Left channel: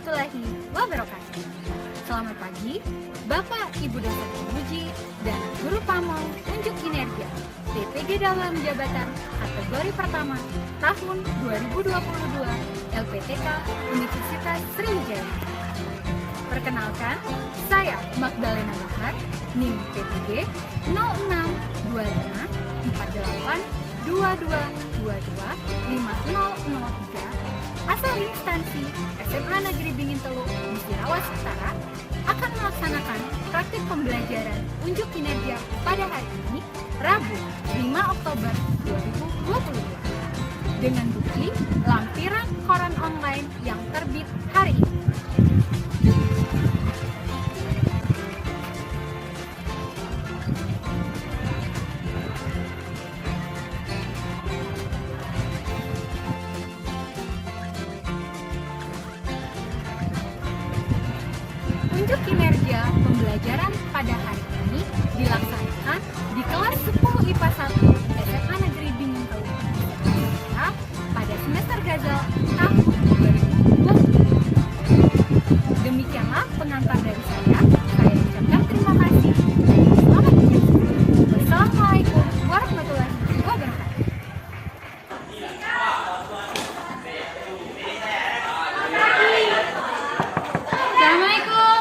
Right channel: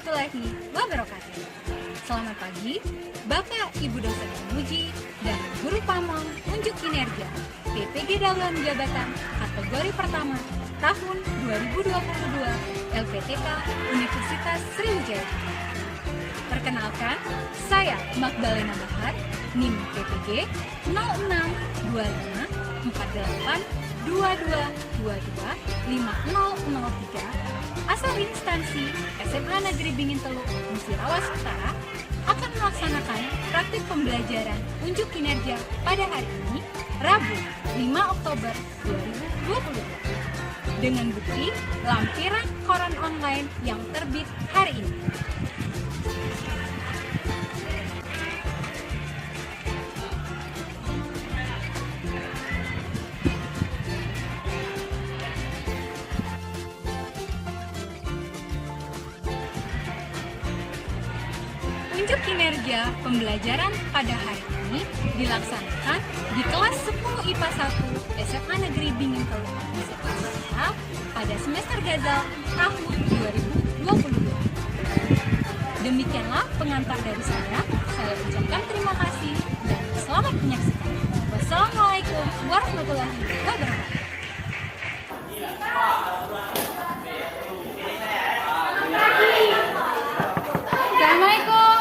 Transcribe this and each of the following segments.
warahmatullahi wabarakatuh. Selamat pagi, Bapak, Ibu dosen penguji, dan guru pamong unjuk kinerja PPG dalam jabatan kategori pertama tahun 2022 LPTK Universitas Sriwijaya. Perkenalkan, saya Magdalena Bahar, NIM PPG 06254822225003, asal instansi SMA Negeri Bingin Teluk Musirawas Utara, akan melaksanakan praktik pembelajaran unjuk kinerja pada hari ini, Rabu 5 Oktober 2022, dengan bukti lampiran koran online yang terbit hari ini. Unjuk kinerja pembelajaran pada hari ini dilaksanakan di kelas 10 IPA 1 SMA Negeri Bingin Teluk Musirawas Utara pada semester Gazal tahun 2022. Demikianlah pengantar dari saya. Saya ucapkan terima kasih dan selamat menyaksikan. Wassalamualaikum warahmatullahi wabarakatuh. Assalamualaikum.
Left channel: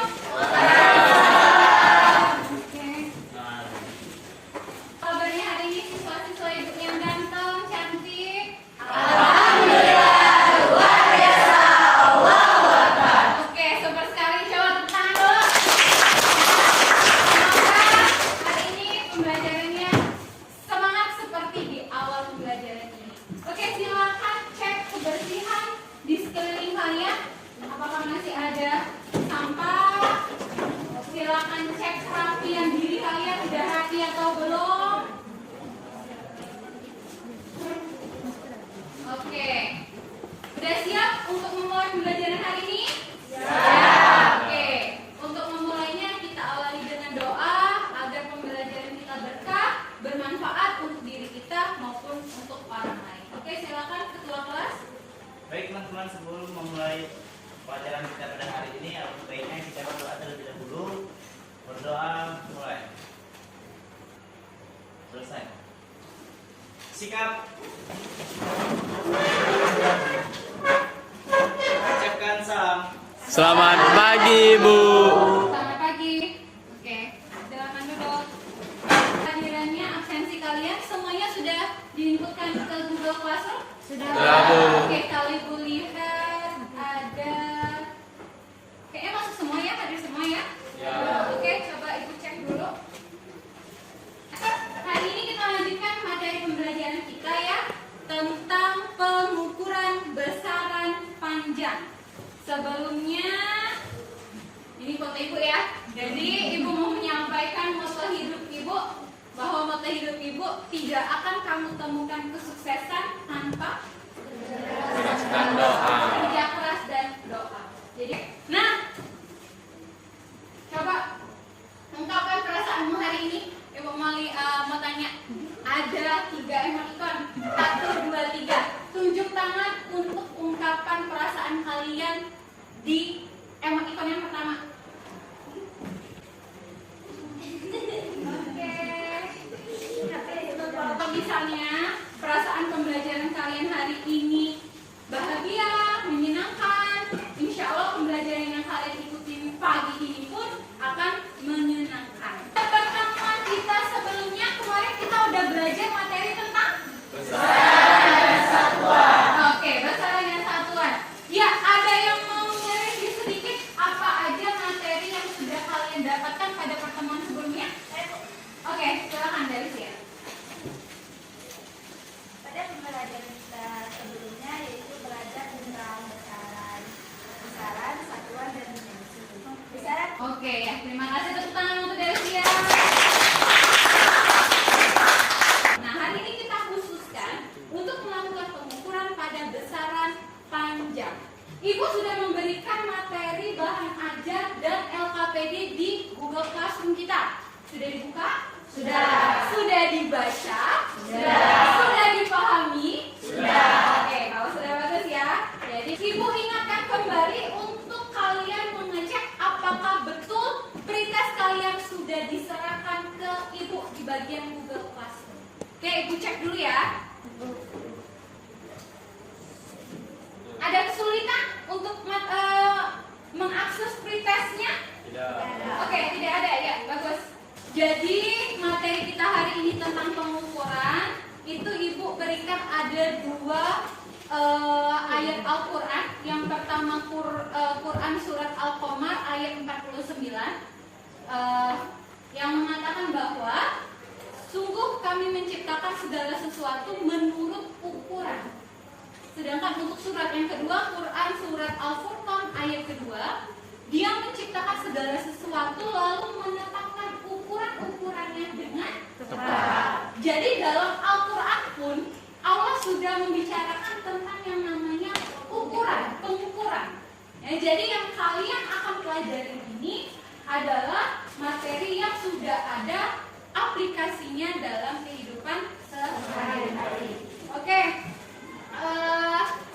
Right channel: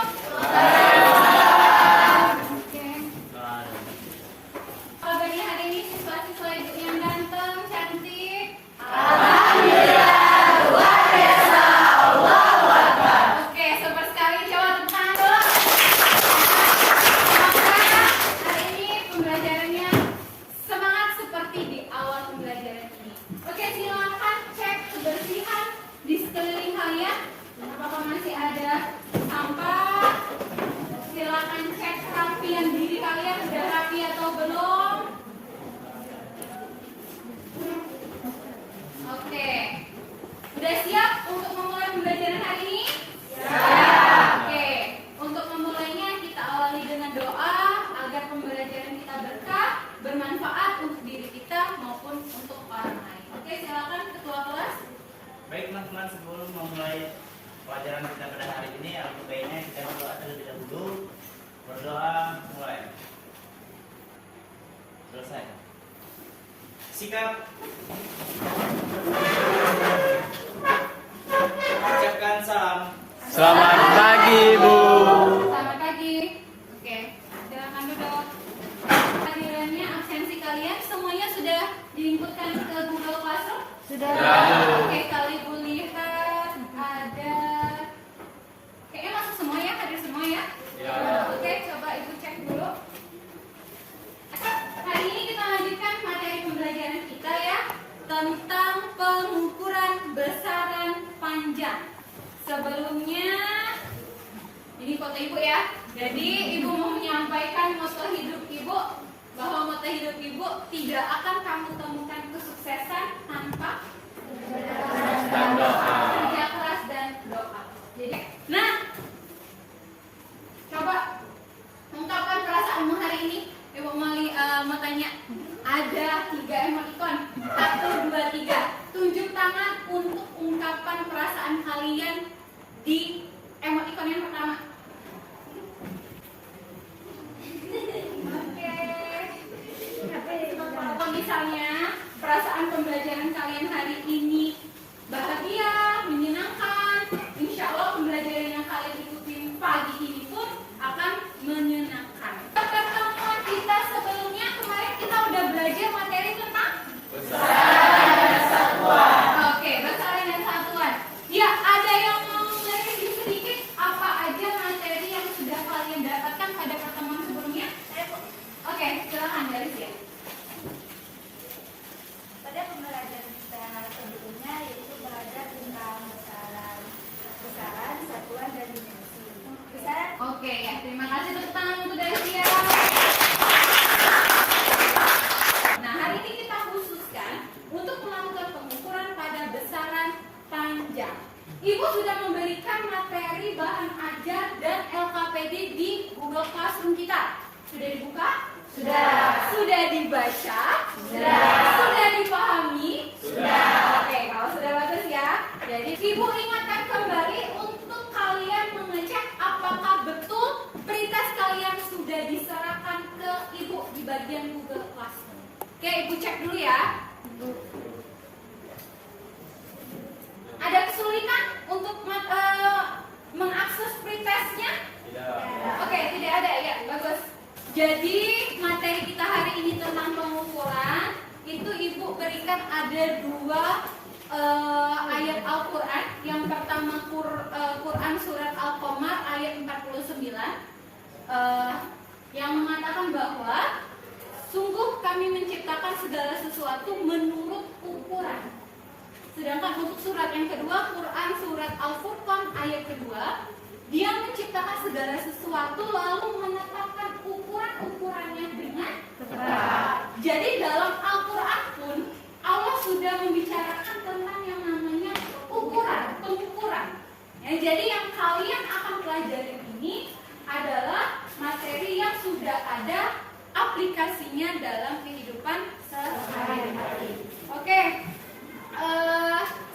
Kabarnya hari ini siswa-siswa ibu yang ganteng, cantik. Alhamdulillah, luar biasa. Allahu Akbar. Oke, super sekali. Coba tepuk tangan dulu. Semoga hari ini pembelajarannya semangat seperti di awal pembelajaran ini. Oke, silakan cek kebersihan di sekeliling kalian. Apakah masih ada sampah? Silakan cek kerapian diri kalian, udah rapi atau belum? Oke, udah siap untuk memulai pembelajaran hari ini? Siap. Oke, untuk memulainya kita awali dengan doa agar pembelajaran kita berkah, bermanfaat untuk diri kita maupun untuk orang lain. Oke, silakan ketua kelas. Baik teman-teman, sebelum memulai pelajaran kita pada hari ini, alangkah baiknya kita berdoa terlebih dahulu. Berdoa, mulai. Selesai. Sikap. Ucapkan salam. Selamat pagi, Bu. Selamat pagi. Oke, silakan duduk. Hadirannya, absensi kalian semuanya sudah diinputkan ke Google Classroom? Sudah. Oke, kali Bu lihat ada. Kayaknya masuk semua ya, hadir semua ya? Ya. Oke, coba Ibu cek dulu. Oke, hari ini kita lanjutkan materi pembelajaran kita ya, tentang pengukuran besaran panjang. Sebelumnya, ini foto Ibu ya. Jadi Ibu mau menyampaikan moto hidup Ibu, bahwa moto hidup Ibu tidak akan kamu temukan kesuksesan tanpa kerja keras dan doa. Jadi, nah, coba ungkapkan perasaanmu hari ini. Ibu mau tanya, ada 3 emoticon, 1, 2, 3. Tunjuk tangan untuk ungkapkan perasaan kalian di emoticon yang pertama. Oke. Misalnya perasaan pembelajaran kalian hari ini bahagia, menyenangkan, insya Allah pembelajaran yang kalian ikutin pagi ini pun akan menyenangkan. Pertemuan kita sebelumnya kemarin kita udah belajar materi tentang besaran dan satuan. Oke, besaran dan satuan. Ya, ada yang mau mereview sedikit apa aja materi yang sudah kalian dapatkan pada pertemuan sebelumnya? Oke, silakan dari sini. Pada pembelajaran kita sebelumnya yaitu belajar tentang besaran, satuan, dan dimensi. Besaran. Oke, ya, terima kasih tepuk tangan untuk Delsia. Nah, hari ini kita khususkan untuk melakukan pengukuran pada besaran panjang. Ibu sudah memberikan materi bahan ajar dan LKPD di Google Classroom kita. Sudah dibuka? Sudah. Sudah dibaca? Sudah. Sudah dipahami? Sudah. Oke, kalau sudah bagus ya. Jadi Ibu ingatkan kembali untuk Ibu di bagian Google Classroom. Oke, Ibu cek dulu ya. Ada kesulitan untuk mengakses pretestnya? Tidak. Oke, tidak ada ya, bagus. Jadi materi kita hari ini tentang pengukuran itu Ibu berikan ada dua ayat Al-Quran. Yang pertama Quran surat Al-Qamar ayat 49 yang mengatakan bahwa sungguh kami menciptakan segala sesuatu menurut ukuran. Sedangkan untuk surat yang kedua, Quran surat Al-Furqan ayat kedua, dia menciptakan segala sesuatu lalu menetapkan ukuran-ukurannya dengan tepat. Jadi dalam Al-Quran pun Allah sudah membicarakan tentang yang namanya ukuran, pengukuran. Ya, jadi yang kalian akan pelajari ini adalah materi yang sudah ada aplikasinya dalam kehidupan sehari-hari. Oke,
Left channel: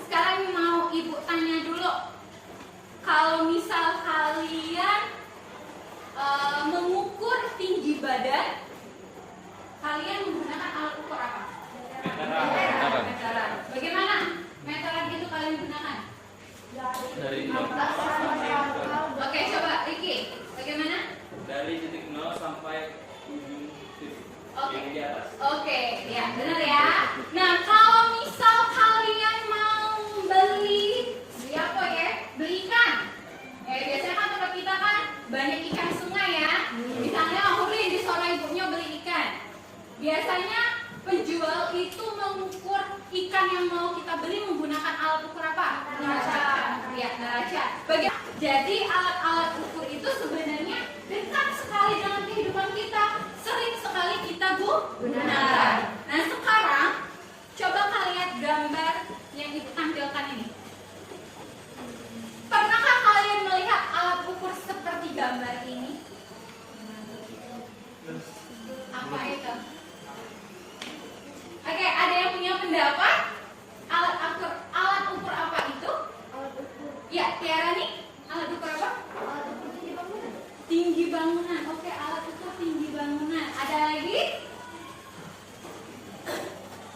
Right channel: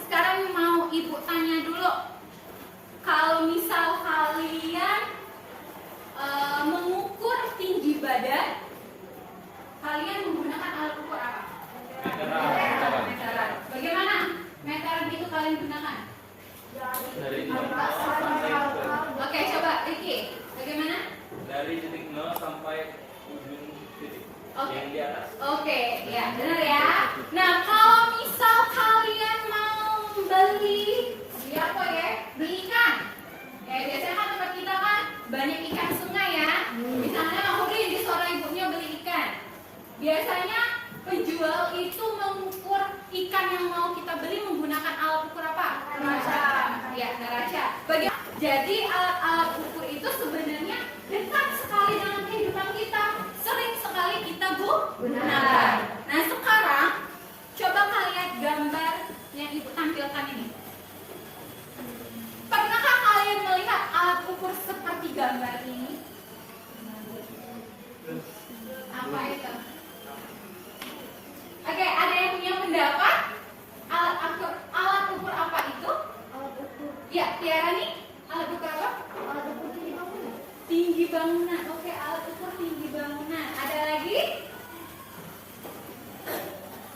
sekarang mau Ibu tanya dulu. Kalau misal kalian mengukur tinggi badan, kalian menggunakan alat ukur apa? Meteran. Bagaimana meteran itu kalian gunakan? Dari Oke, coba Riki, bagaimana? dari titik 0 sampai ujung titik yang di atas. Oke, ya benar ya. Nah, kalau misal kalian mau beli apa ya? Beli ikan. Ya, biasanya kan tempat kita kan banyak ikan sungai ya. Misalnya Huri di sore ibunya beli ikan. Biasanya penjual itu mengukur ikan yang mau kita beli menggunakan alat ukur apa? Neraca. Ya, neraca. Jadi alat-alat ukur itu sebenarnya dekat sekali dengan kehidupan kita. Sering sekali kita gunakan. Nah, sekarang coba kalian lihat gambar yang Ibu tampilkan ini. Pernahkah kalian melihat alat ukur seperti gambar ini? Apa itu? Oke, ada yang punya pendapat? Alat ukur apa itu? Alat ukur. Ya, Tiara nih, alat ukur apa? Alat ukur tinggi bangunan. Tinggi bangunan. Oke, alat ukur tinggi bangunan. Ada lagi?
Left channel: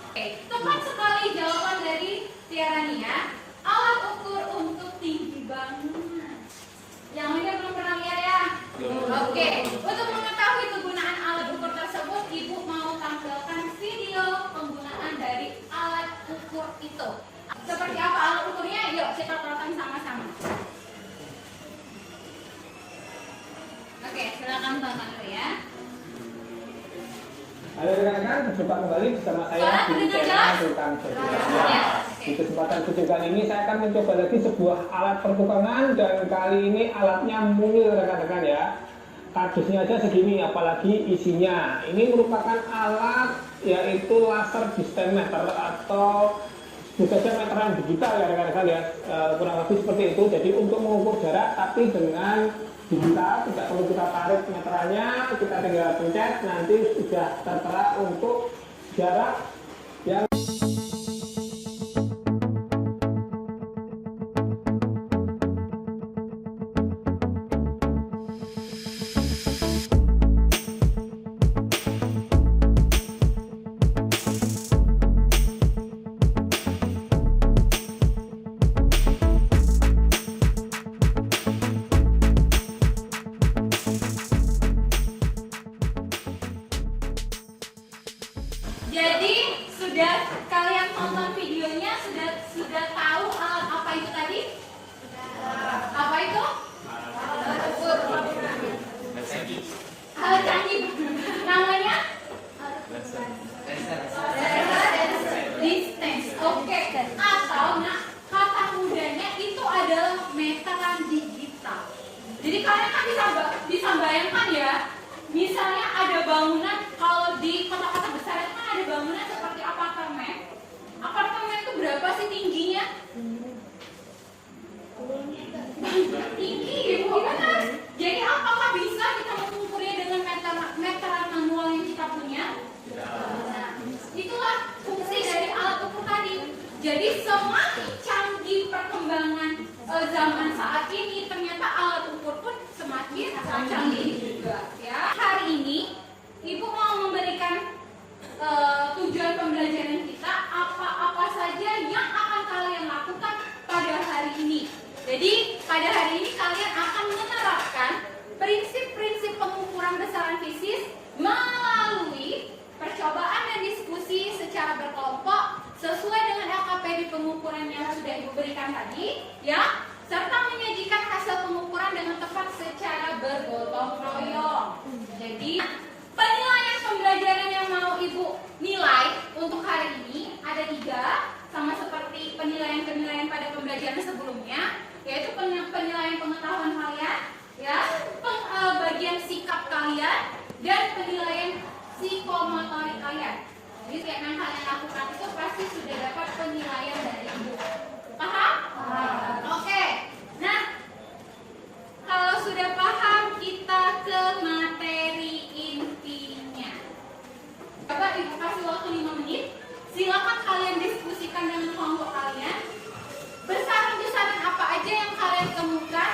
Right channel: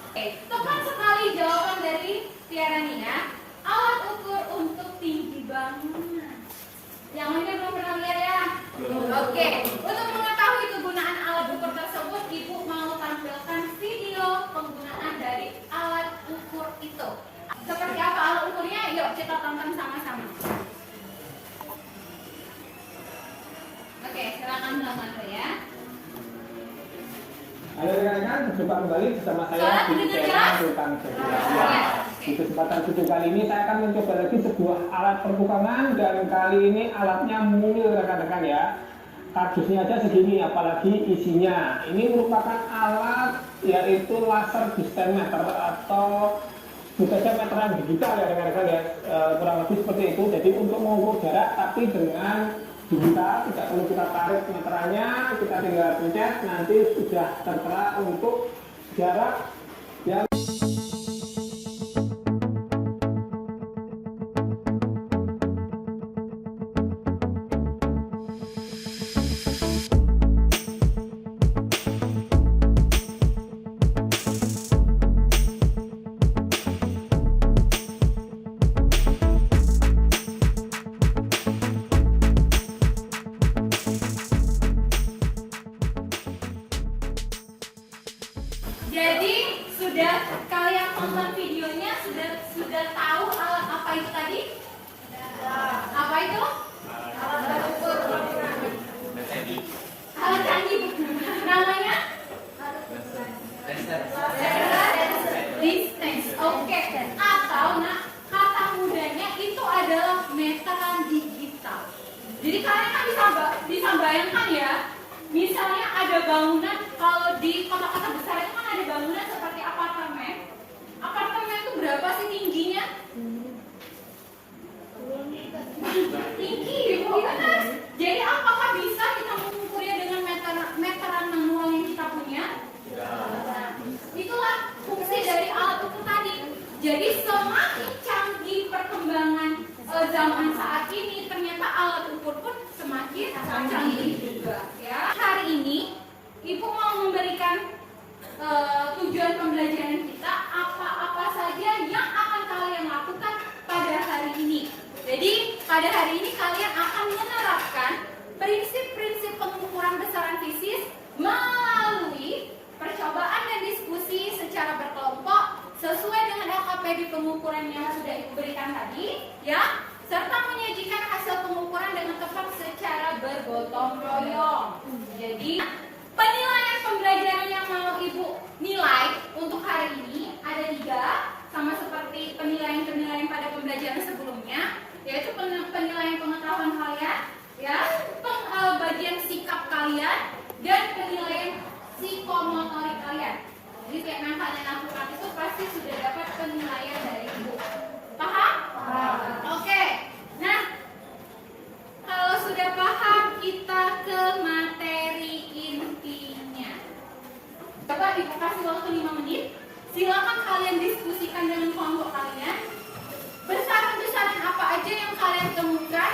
Oke, tepat sekali jawaban dari Tiara nih ya. Alat ukur untuk tinggi bangunan. Yang ini belum pernah lihat ya? Oke, untuk mengetahui kegunaan alat ukur tersebut, Ibu mau tampilkan video penggunaan dari alat ukur itu. Seperti apa alat ukurnya? Yuk kita tonton sama-sama. Oke, silakan tonton dulu ya. Halo rekan-rekan, berjumpa kembali bersama saya Suara di terdengar channel jelas? tentang Jadilah. Ya. Di kesempatan video kali ini saya akan mencoba lagi sebuah alat pertukangan dan kali ini alatnya mungil rekan-rekan ya. Kardusnya aja segini, apalagi isinya. Ini merupakan alat yaitu laser distance meter atau bisa saja meteran digital ya rekan-rekan ya. Kurang lebih seperti itu. Jadi untuk mengukur jarak tapi dengan digital, tidak perlu kita tarik meterannya, kita tinggal pencet, nanti sudah tertera untuk jarak yang Jadi sudah kalian tonton videonya, sudah tahu alat apa itu tadi? Apa itu? Alat ukur. Alat canggih. Namanya? Distance. Oke. Atau kata mudahnya itu adalah meteran digital. Jadi kalian kan bisa bayangkan ya. Misalnya ada bangunan, kalau di kota-kota besar itu kan ada bangunan seperti apartemen. Apartemen itu berapa sih tingginya? Tinggi, gimana? Jadi apakah bisa kita mengukurnya dengan meteran manual yang kita punya? Nah, itulah fungsi dari alat ukur tadi. Jadi semakin canggih perkembangan zaman saat ini, ternyata alat ukur pun semakin canggih juga. Ya, hari ini Ibu mau besaran-besaran fisis melalui percobaan dan diskusi secara berkelompok sesuai dengan LKPD pengukuran yang sudah Ibu berikan tadi, ya, serta menyajikan hasil pengukuran dengan tepat secara bergotong royong. Jadi, penilaian pembelajaran yang mau Ibu nilai untuk hari ini ada 3, sama seperti penilaian-penilaian pada pembelajaran sebelumnya, yaitu penilaian pengetahuan kalian, ya, bagian sikap kalian, dan penilaian psikomotorik kalian. Jadi kayak yang kalian lakukan itu pasti sudah dapat penilaian dari Ibu. Paham? Oke. Nah, kalau sudah paham, kita ke materi intinya. Bapak Ibu kasih waktu 5 menit. Silakan kalian diskusikan dengan kelompok kalian. Besaran-besaran apa aja yang kalian temukan,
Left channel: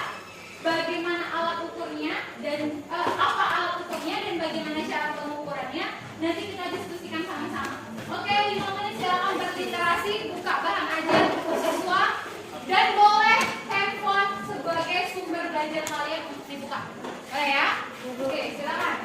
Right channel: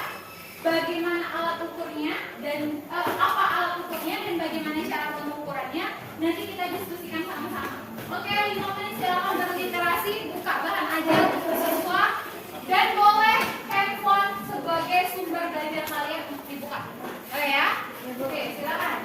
bagaimana alat ukurnya dan apa alat ukurnya dan bagaimana cara pengukurannya. Nanti kita diskusikan sama-sama. Oke, 5 menit silakan berliterasi, buka bahan ajar siswa dan boleh handphone sebagai sumber belajar kalian untuk dibuka. Boleh ya? Oke, silakan.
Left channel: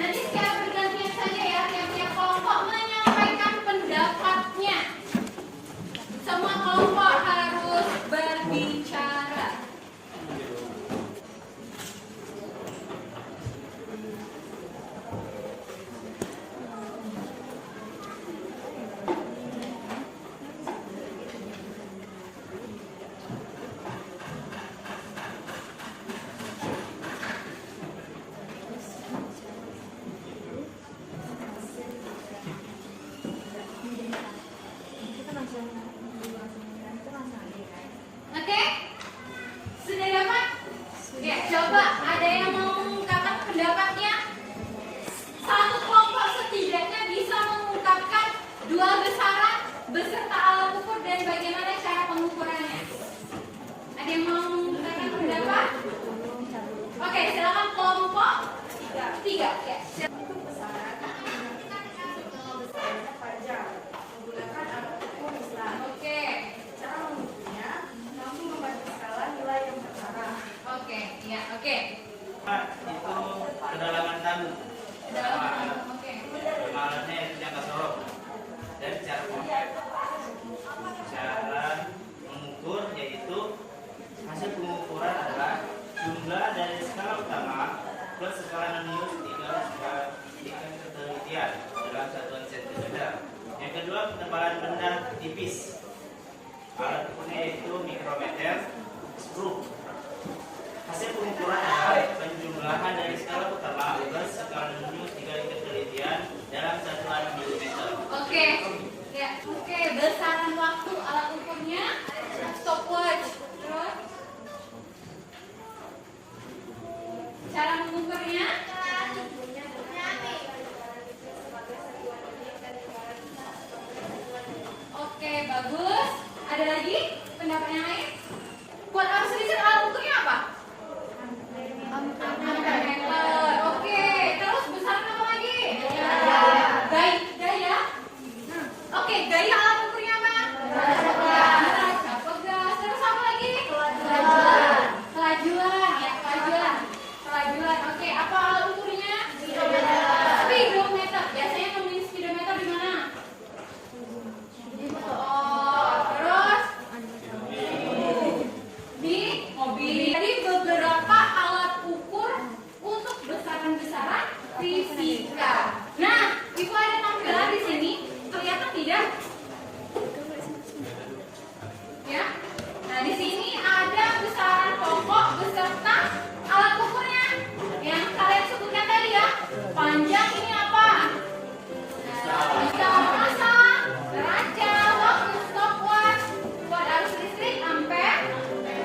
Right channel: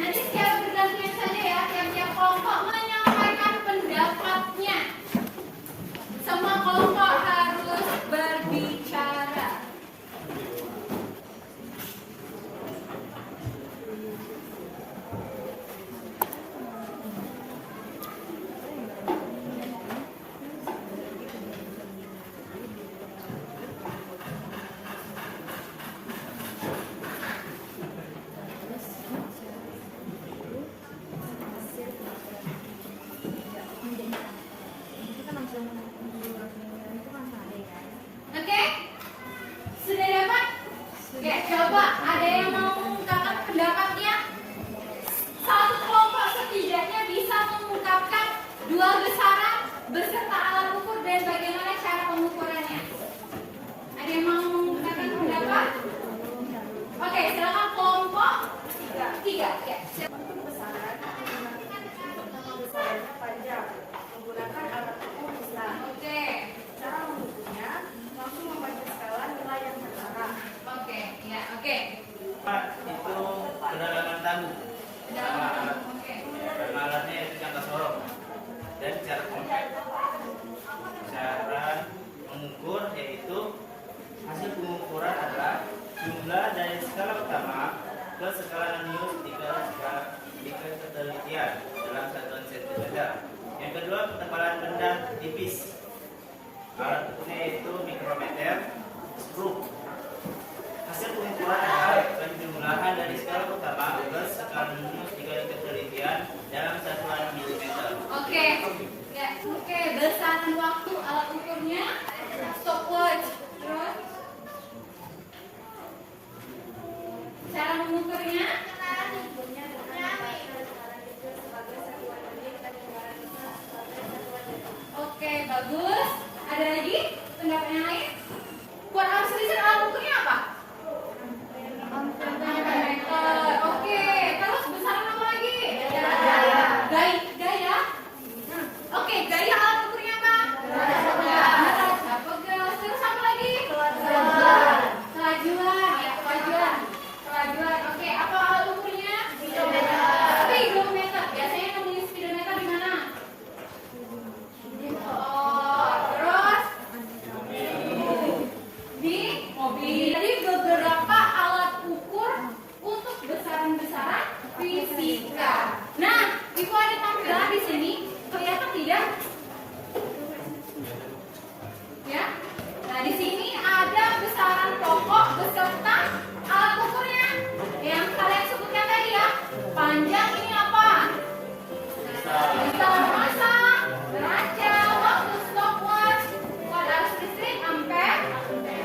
Nanti secara bergantian saja ya, tiap-tiap kelompok menyampaikan pendapatnya. Semua kelompok harus berbicara. Oke? Sudah dapat? Ya, coba ada yang mau mengungkapkan pendapatnya? Satu kelompok setidaknya bisa mengungkapkan 2 besaran beserta alat ukur dan bagaimana cara pengukurannya. Ada yang mau mengungkapkan pendapat? Oke, silakan kelompok 3. Ya. Besaran besarannya panjang menggunakan alat ukur Islam. Oke. Cara mengukurnya langsung membaca skala nilai yang tertera. Oke, ya, oke. Itu kedalaman tamu. Oke. Alatnya itu jangka sorong dan cara konkret. Cara mengukur yaitu hasil pengukuran adalah jumlah dari skala utama plus skala nanius dikali ketelitian dalam satuan sentimeter. Yang kedua, ketebalan benda tipis. Alat ukurnya yaitu mikrometer, skru. Hasil pengukuran adalah penjumlahan dari skala utama plus skala nanius dikali ketelitian dalam satuan milimeter. Oke. Ya, oke. Besaran waktu alat ukurnya stopwatch. Terus cara mengukurnya oke, bagus. Ada lagi pendapat yang lain? Buat arus listrik alat ukurnya apa? Ampere. Oke, terus besaran apa lagi? Gaya. Oke, gaya alat ukurnya apa? Gas. Terus apa lagi? Kelajuan. Ya, kelajuan. Oke, apa alat ukurnya? Speedometer. Biasanya nemuin speedometer di mana? Oh, terus di mobil. Jadi beberapa alat ukur untuk besaran-besaran fisika. Nah, Ibu ada tampilan di sini. Kelihatan tidak? Ya. Nah, di sini ada besaran pokok beserta alat ukurnya yang kalian sebutkan tadi ya. Panjang ini apa? Bisa masa, kaca, waktu, stopwatch, buat arus listrik, ampere,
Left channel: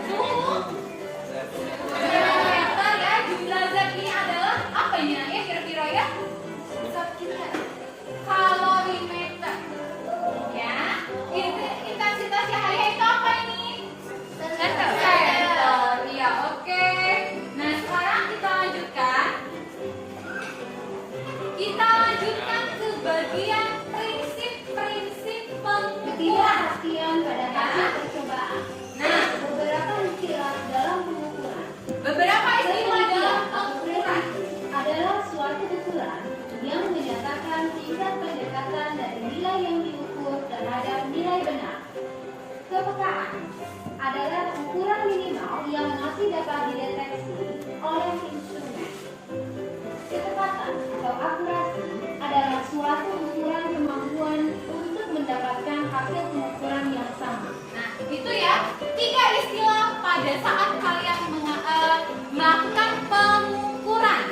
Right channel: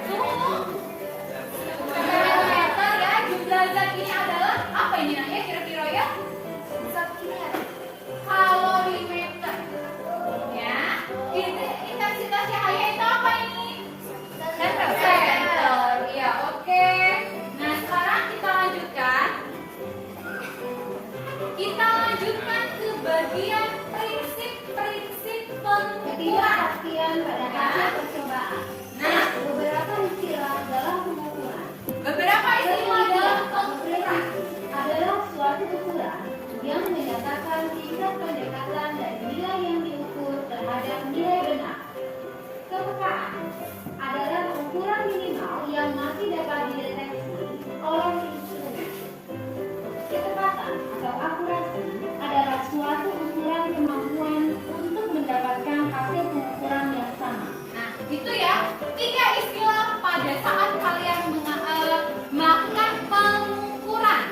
suhu, milimeter ya. Jumlah zat ini adalah apa ini namanya kira-kira ya? Zat ini ada kalorimeter. Ya, intensitas cahaya itu apa ini? Sentimeter. Iya, oke. Nah, sekarang kita lanjutkan. Kita lanjutkan ke bagian prinsip. didasarkan pada hasil percobaan. Nah, Beberapa istilah dalam pengukuran. beberapa istilah dalam pengukuran. Adalah suatu ukuran yang menyatakan tingkat pendekatan dari nilai yang diukur terhadap nilai benar. Kepekaan adalah ukuran minimal yang masih dapat dideteksi oleh instrumen. Ketepatan atau akurasi adalah suatu ukuran kemampuan untuk mendapatkan hasil pengukuran yang sama. Nah, itu ya, 3 istilah pada saat kalian melakukan pengukuran.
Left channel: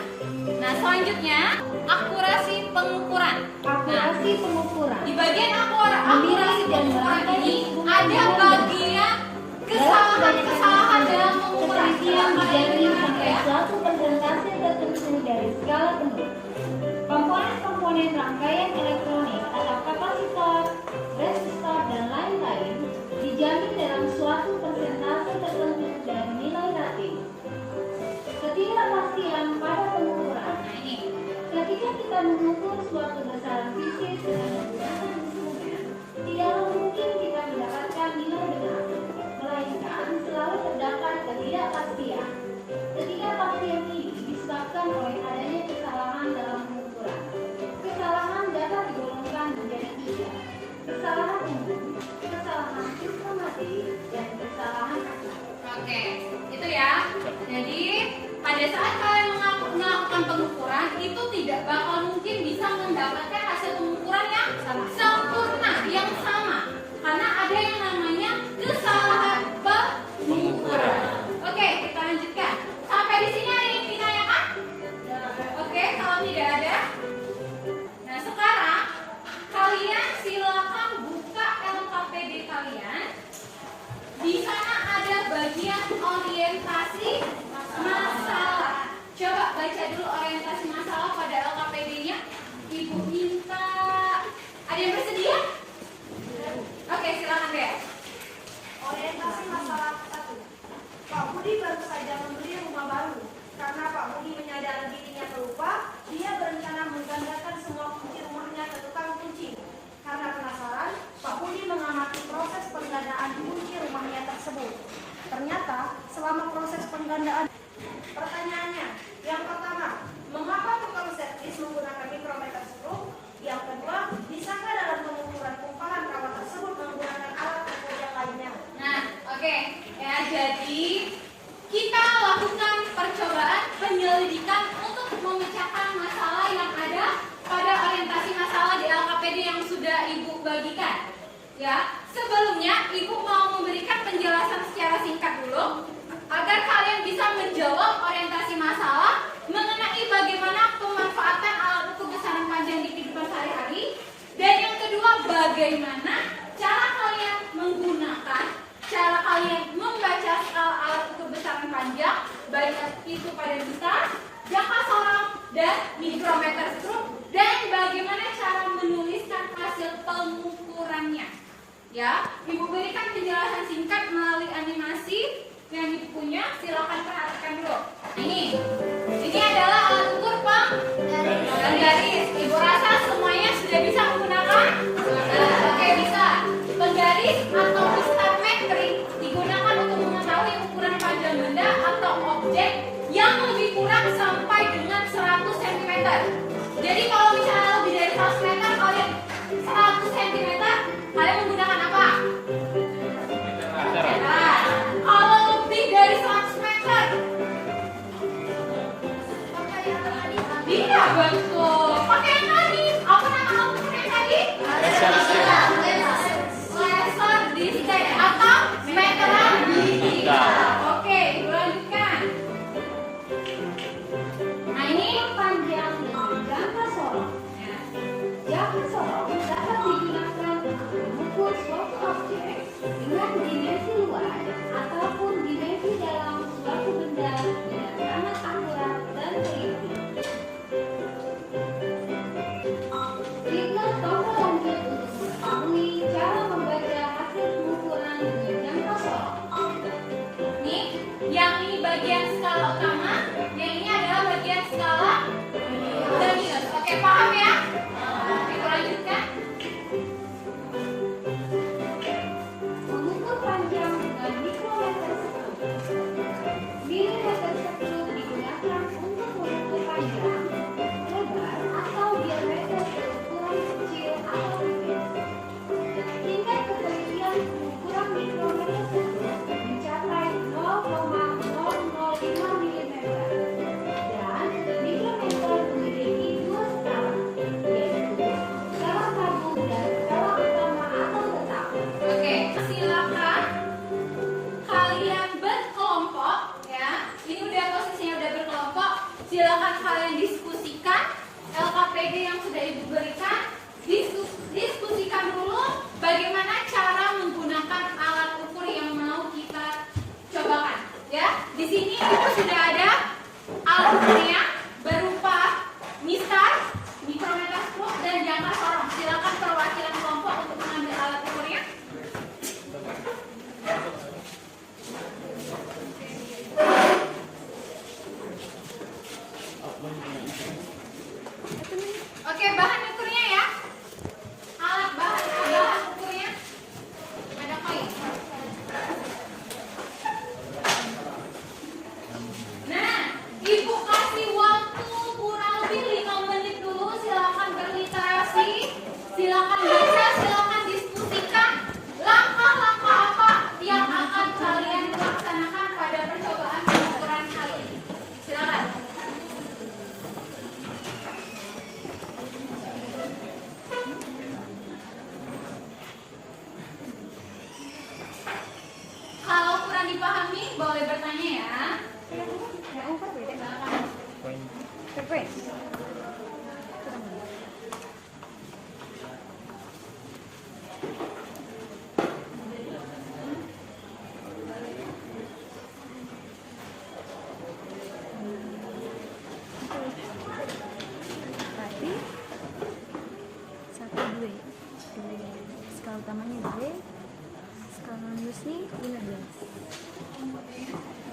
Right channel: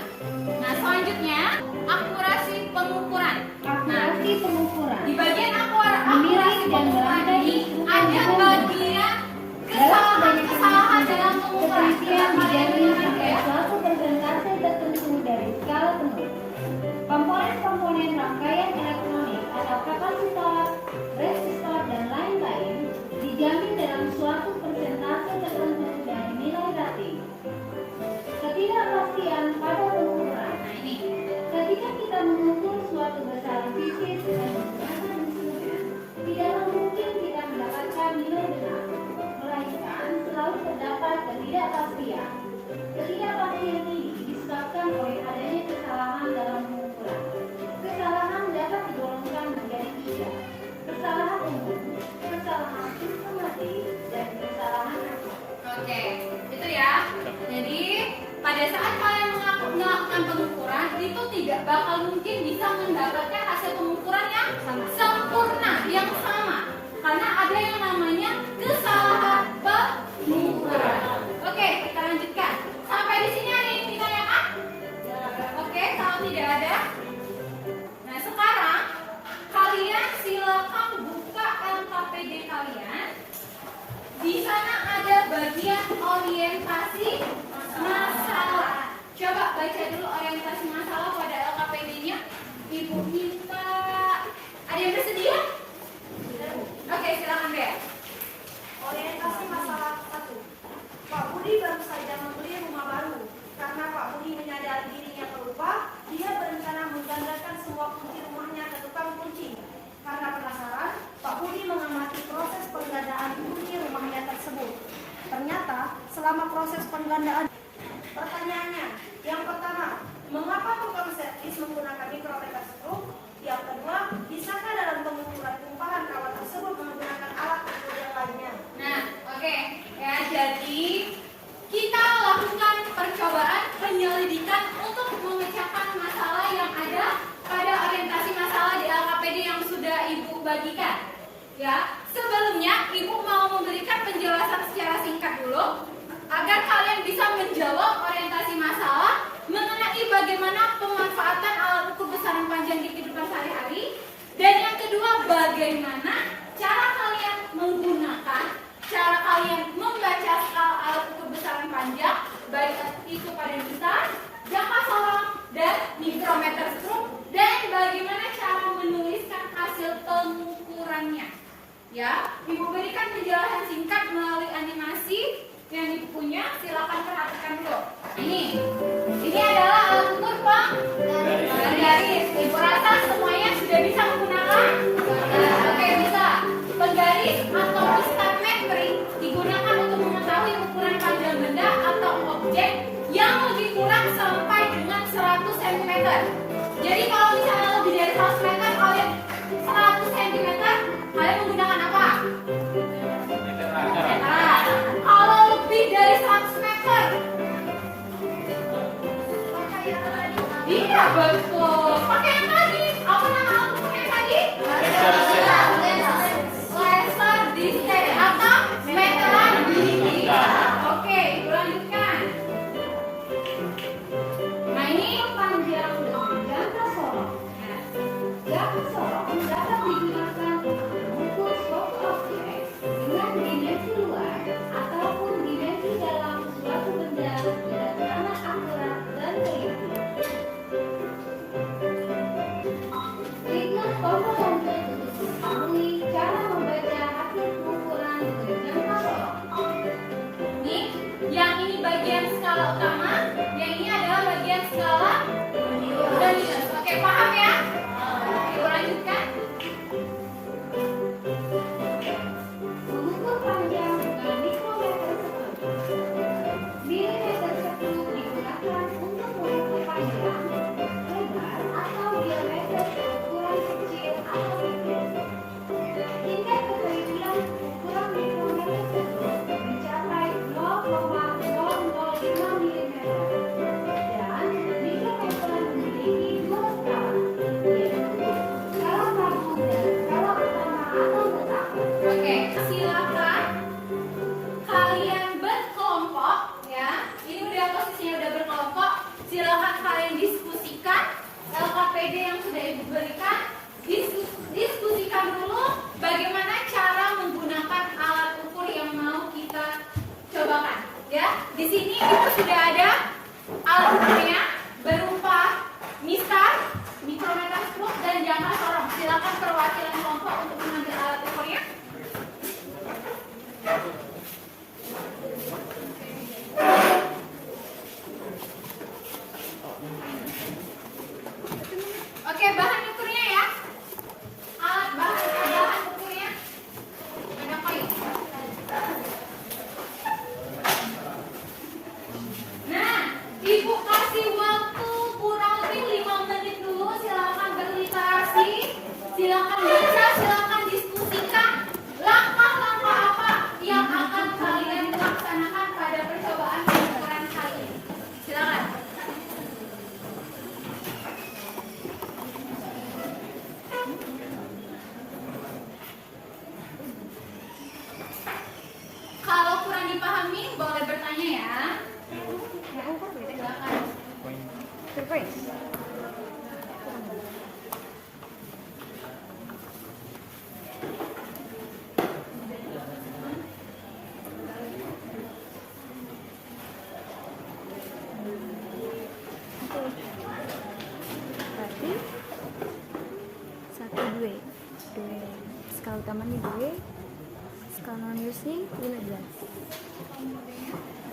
Nah, selanjutnya akurasi pengukuran. Akurasi pengukuran Di bagian akurasi pengukuran ini ada bagian kesalahan dalam pengukuran. ketelitian dijamin sampai suatu persentase tertentu dari skala penuh. Komponen-komponen rangkaian elektronik atau kapasitor, resistor, dan lain-lain dijamin dalam suatu persentase tertentu dari nilai rating. Ketidakpastian pada pengukuran. Nah, ini. Ketika kita mengukur suatu besaran fisik dengan menggunakan instrumen, tidaklah mungkin kita mendapatkan nilai benar, melainkan selalu terdapat ketidakpastian. Ketidakpastian ini disebabkan oleh adanya kesalahan dalam pengukuran. Kesalahan dapat digolongkan menjadi 3: kesalahan umum, kesalahan sistematis, dan kesalahan akar. Oke, itu ya. Jadi pada saat kalian melakukan pengukuran itu tidak bakal mungkin bisa mendapatkan hasil pengukuran yang sempurna, yang sama, karena ada yang namanya kesalahan pengukuran. Oke, kita lanjutkan. Sampai di sini ada yang ditanyakan? Oke, kalau tidak ada, nah sekarang kalian silakan buka LKPD kalian. Di sana ada bagian orientasi masalah. Coba baca dulu orientasi masalah pada LKPD-nya. Ibu minta. Ada yang bersedia? Oke, silakan deh. Orientasi masalah 1. Pak Budi baru saja membeli rumah baru. Karena Pak Budi menyadari dirinya terlupa, dia berencana menggandakan semua kunci rumahnya ke tukang kunci. Karena penasaran, Pak Budi mengamati proses penggandaan kunci rumahnya tersebut. Ternyata, selama proses penggandaan, pertanyaannya, yang pertama, mengapa tukang servis menggunakan mikrometer skru? Yang kedua, bisakah dalam pengukuran tumpahan kawat tersebut menggunakan alat ukur yang lainnya? Nah, oke. Ya, jadi kita lakukan percobaan penyelidikan untuk memecahkan masalah yang ada pada orientasi masalah di LKPD yang sudah Ibu bagikan. Ya, sebelumnya Ibu mau memberikan penjelasan secara singkat dulu agar kalian bisa menjawab orientasi masalah mengenai bagaimana pemanfaatan alat ukur besaran panjang di kehidupan sehari-hari, dan yang kedua bagaimana cara kalian menggunakan, cara kalian membaca skala alat ukur besaran panjang, baik itu pada besar, jangka sorong, dan mikrometer skru, dan bagaimana cara menuliskan hasil pengukurannya. Ya, Ibu berikan penjelasan singkat melalui animasi yang Ibu punya. Silakan perhatikan dulu. Ini adalah alat ukur penggaris. Ibu rasa semuanya sudah bisa menggunakan? Oke, bisa. Penggaris atau step metrik digunakan untuk mengetahui ukuran panjang benda atau objek yang lebih kurang sampai dengan 100 cm. Jadi kalau misalnya lebih dari 100 meter, kalian 100 cm, kalian menggunakan apa? Meter. Kalau lebih dari 100 meter, iya betul. Pakai yang tadi. Apa nama alat ukur yang tadi? Laser distek atau meteran gigi. Oke, Ibu lanjutkan. Nah, ini Panjang dan jangka sorong. Jangka sorong dapat digunakan untuk mengukur suatu objek dengan dimensi luar ataupun dimensi dalam suatu benda dengan sangat akurat dan teliti. APD yang sudah Ibu berikan, diskusikan dulu bagaimana cara menggunakan alat ukur yang mau kita cobakan. Ya, di sini Ibu sudah ada alat ukurnya berupa mistar, mikrometer skop, dan jangka sorong. Silakan perwakilan kelompok untuk mengambil alat ukurnya. Oke, bahan ukurnya ya. Bahan ukurnya ada kayu. Nah, Ibu kasih waktu kurang lebih 5 menit dulu. Silakan berliterasi, silakan baca, silakan diskusikan langkah-langkah apa yang akan kalian laksanakan pada percobaan pengukuran kali ini. Silakan. Kalau kurang dipahami, boleh bertanya ya. Silakan. Tapi satu dua skala utamanya dua, skala minusnya 15.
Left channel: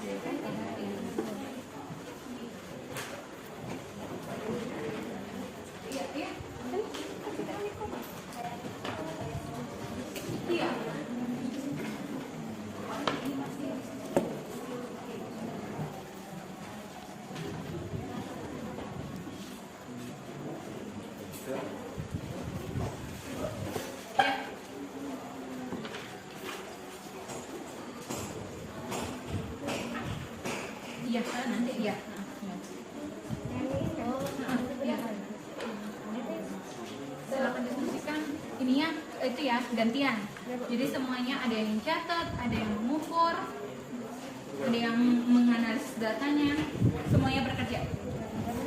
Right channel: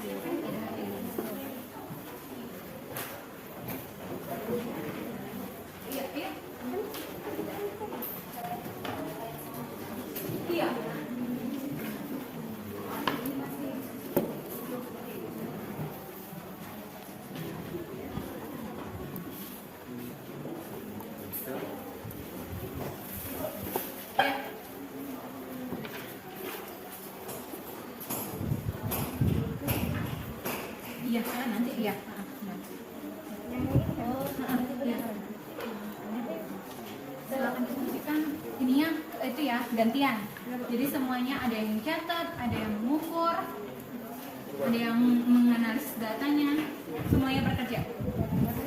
Dia kan ada ini. Iya. Iya, nanti ya. Silakan diskusikan ininya itu ya, gantian. Jadi semuanya ada yang mencatat, ada yang mengukur, ada yang menganalisis datanya, semuanya bekerja.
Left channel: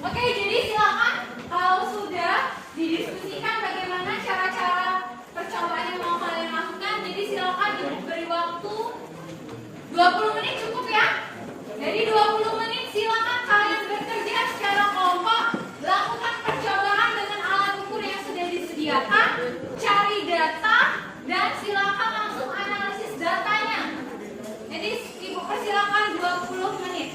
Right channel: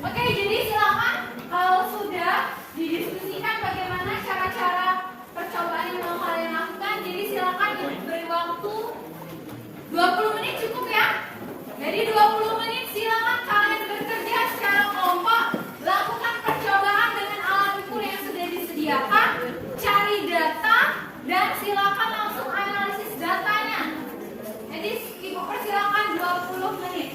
Oke, jadi silakan kalau sudah didiskusikan bagaimana cara-cara percobaan yang mau kalian lakukan, jadi silakan Ibu beri waktu 20 menit cukup ya. Jadi 20 menit silakan kalian bekerja secara kelompok, lakukan percobaan dengan alat ukur yang sudah disediakan, cari data, dan silakan langsung analisis datanya. Jadi Ibu persilakan 20 menit.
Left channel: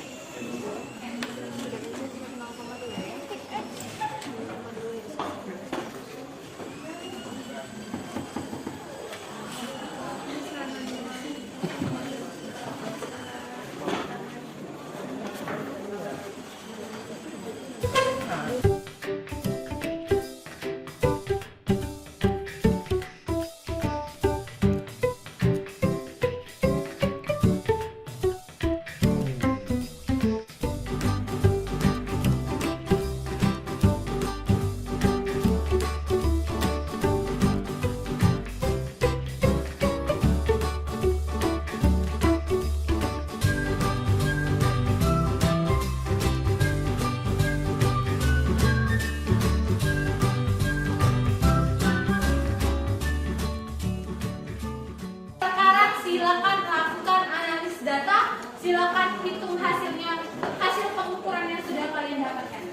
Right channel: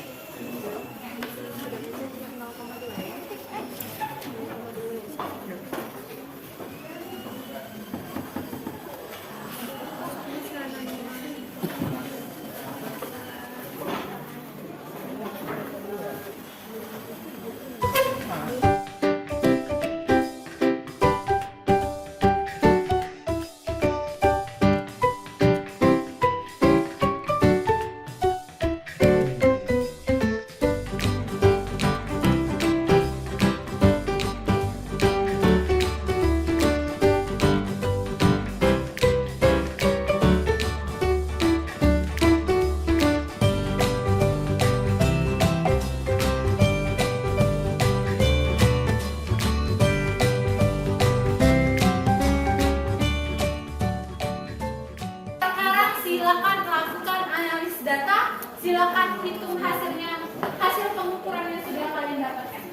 Silakan lakukan analisis data, silakan hitung hasilnya, hasil pengukuran yang sudah kalian dapatkan.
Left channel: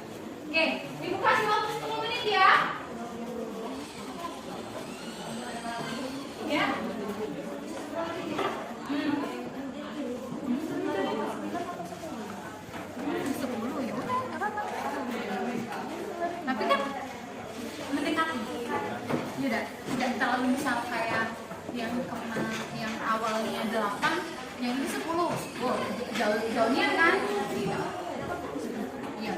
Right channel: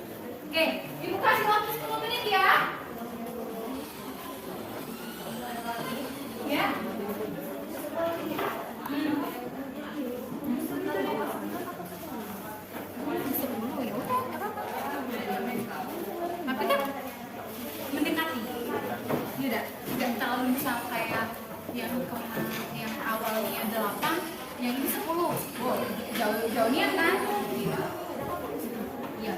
Oke, Ibu kasih waktu 10 menit ya. Ya. Tapi kan mendekati. Tidak terlalu misal kayak yang awalnya 8, yang ini 10. Oh, jauhnya kan? Iya.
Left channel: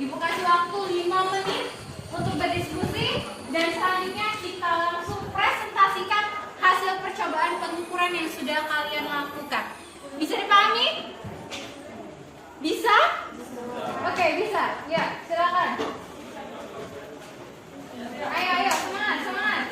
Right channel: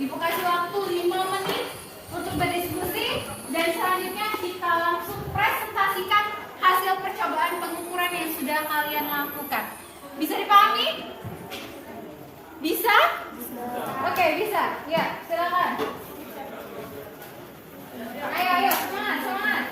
Ibu kasih waktu 5 menit untuk berdiskusi dan selanjutnya kita langsung presentasikan hasil percobaan pengukuran yang sudah kalian lakukan. Bisa dipahami? Bisa? Oke, bisa. Ya, silakan. Ayo, semangat, semangat.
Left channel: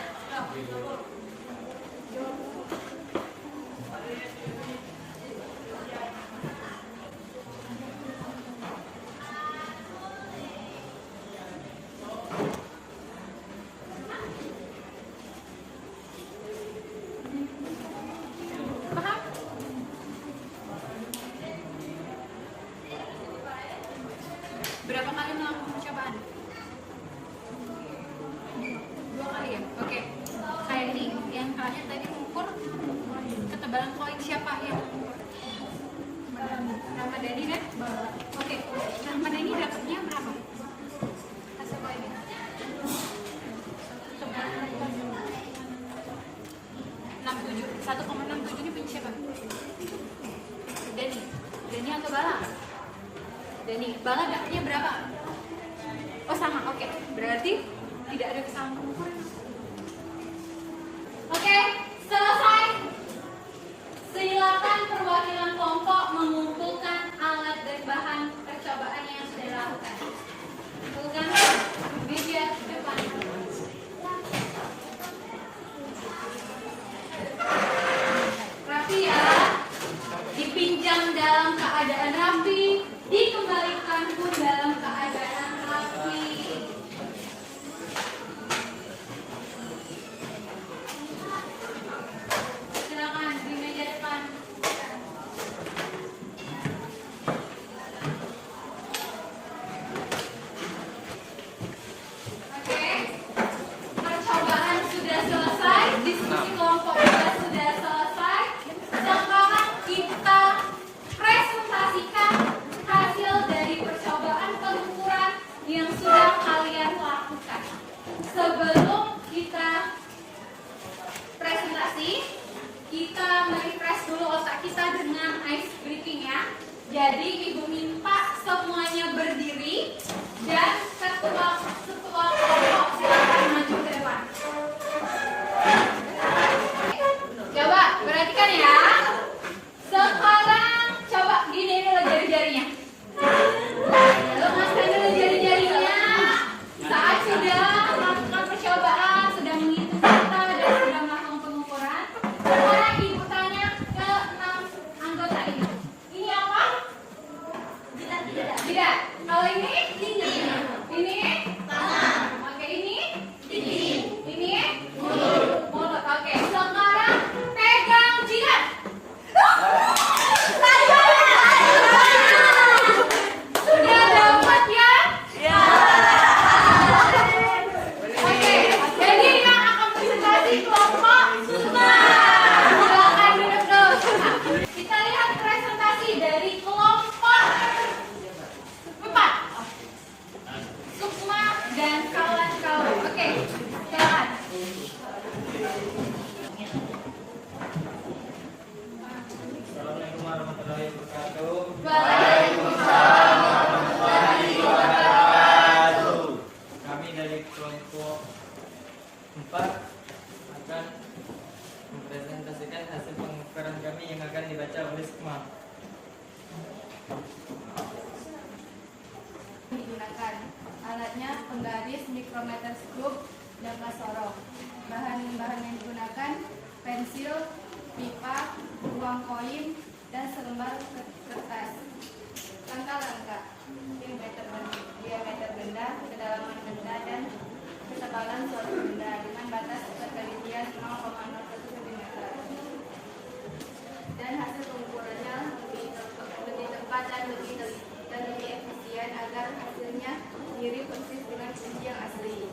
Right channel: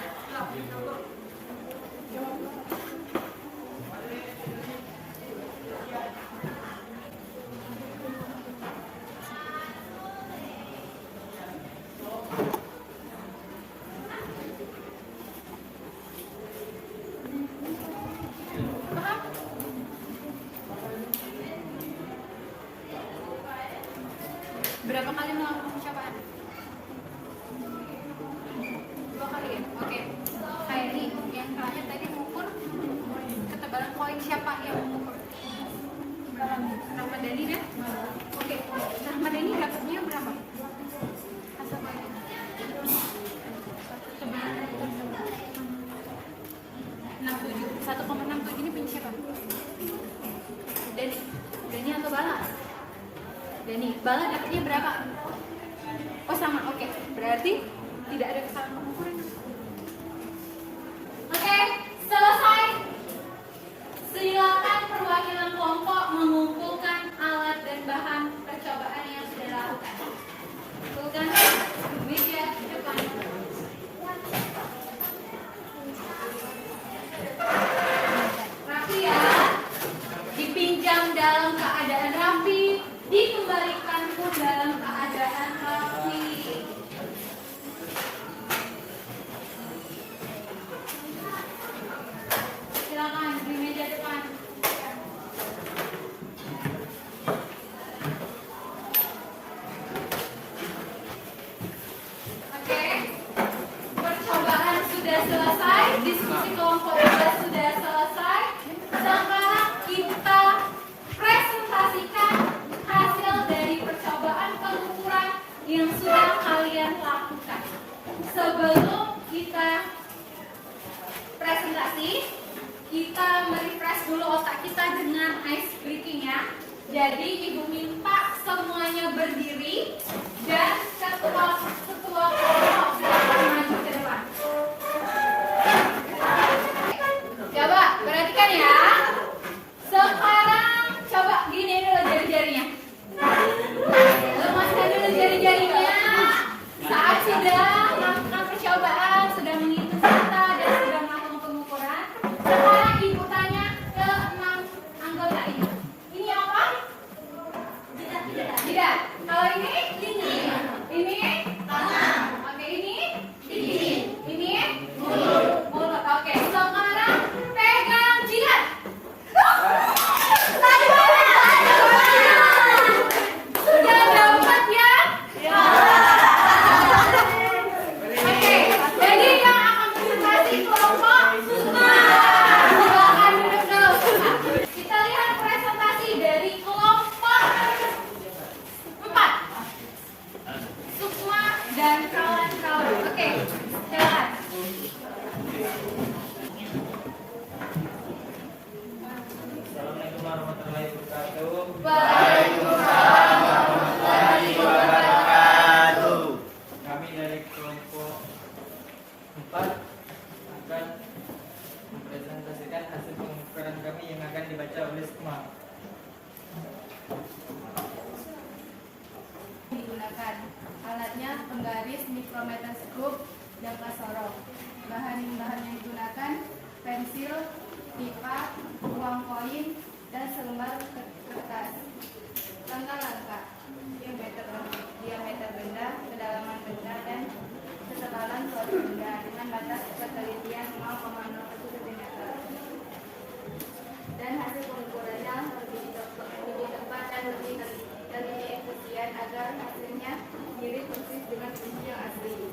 Paham? Berapa kali melakukan percobaan? 2 kali ya? Oke. Kayak ini, yang kalian tadi mengukur ketebalan koin siapa yang mengukur? Rahmat Dhani deh? Oke. Rahmat Dhani dapatnya berapa? Hasil koinnya? 1,67 ini punya siapa? Dhani atau Bala? Dhani. Bala dapatnya berapa? Oh sama, oke. Berarti tidak ada kesalahan pengukuran. Oke, selesai. Silakan perwakilan kelompok mengumpulkan alat dan bahan percobaan yang sudah dilakukan. Kumpulkan media depan. Rapi ya. Dipinjam dalam keadaan rapi, dikembalikan pun dalam keadaan rapi. Silakan di meja depan. Oke, percobaan sudah selesai, diskusi kelompok juga sudah selesai. Sekarang kita presentasikan hasil dari percobaan pengukuran yang sudah kalian lakukan. Sebelum kita presentasi, kita merefresh dulu otak kita dengan ice breathing ya. Jadi ibu minta semuanya berdiri dan ketua kelompok silakan maju ke depan. Coba perhatikan ya. Sekarang coba gini dulu jari-jarinya. Lemaskan dulu jari-jarinya. Saat sudah melakukan percobaan, sudah menghitung data dan sudah melakukan pengukuran. Sekarang ibu tanya ke 6 anggota ini. Ini apa? Tidak. Kalau ini? Ini? Oke, ini? Ini? Mulut. Oke, sekarang pegang jidat. Sudah dapat ya? Oke, jadi yang akan presentasi kelompok Sukma. Silakan duduk dulu. Kita lihat presentasi dari kelompok 4. Sukma dan kawan-kawan. Oke, silakan. Assalamualaikum warahmatullahi wabarakatuh. Waalaikumsalam warahmatullahi wabarakatuh. Kami dari kelompok 4 akan mempresentasikan hasil pengukuran kami yang akan dibaca oleh Sukma. Digunakan alatnya penggaris, mikrometer skrup, dan sorong. Bahan-bahan yang digunakan pensil, pika, uang koin, dan selembar kertas. Langkah-langkah: diameter benda, kedalaman benda, dan ketebalan suatu benda dengan batas ketelitian 0,01 cm. Dan hasil pengukurannya lebih tepat dan lebih efisien agar hasilnya mirip persis dengan pensil asli.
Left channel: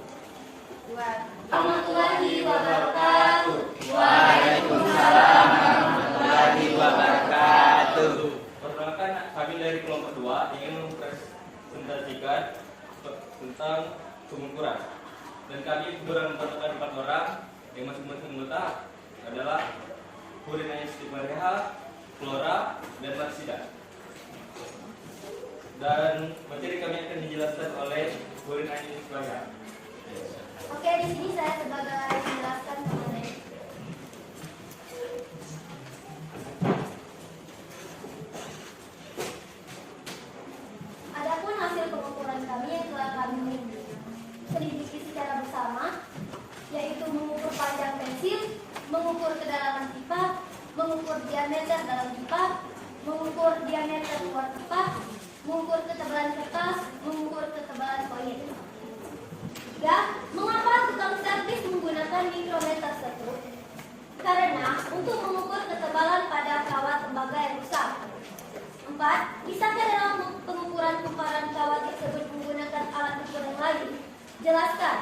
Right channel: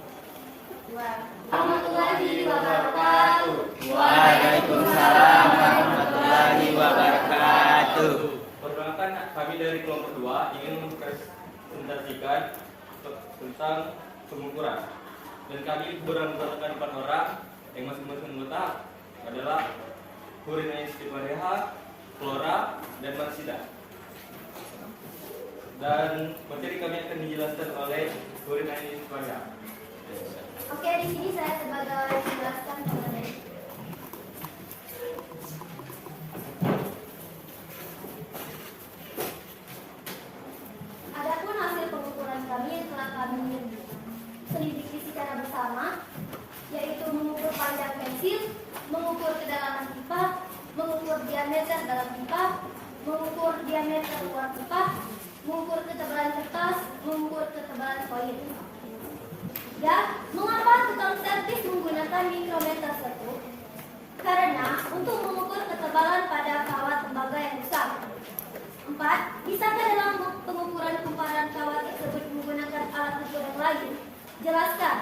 Warahmatullahi wabarakatuh. Waalaikumsalam warahmatullahi wabarakatuh. Perkenalkan, kami dari kelompok 2 ingin mempresentasikan tentang pengukuran. Dan kami beranggotakan 4 orang yang masing-masing anggota adalah Purina Istiqmareha, Flora, dan Marsida. Dan materi kami akan dijelaskan oleh Bu Rina Ismail. Oke, di sini saya sebagai menjelaskan mengenai adapun hasil pengukuran kami yang telah kami selidiki secara bersama, yaitu mengukur panjang pensil, mengukur kedalaman pipa, mengukur diameter dalam pipa, mengukur diameter luar pipa, mengukur ketebalan kertas, mengukur ketebalan koin. Ya, mengapa tukang servis menggunakan mikrometer tersebut? Karena untuk mengukur ketebalan pada kawat tembaga yang rusak. 4. Bisakah dalam pengukuran kumparan kawat tersebut menggunakan alat ukur yang lain? Jelaskan.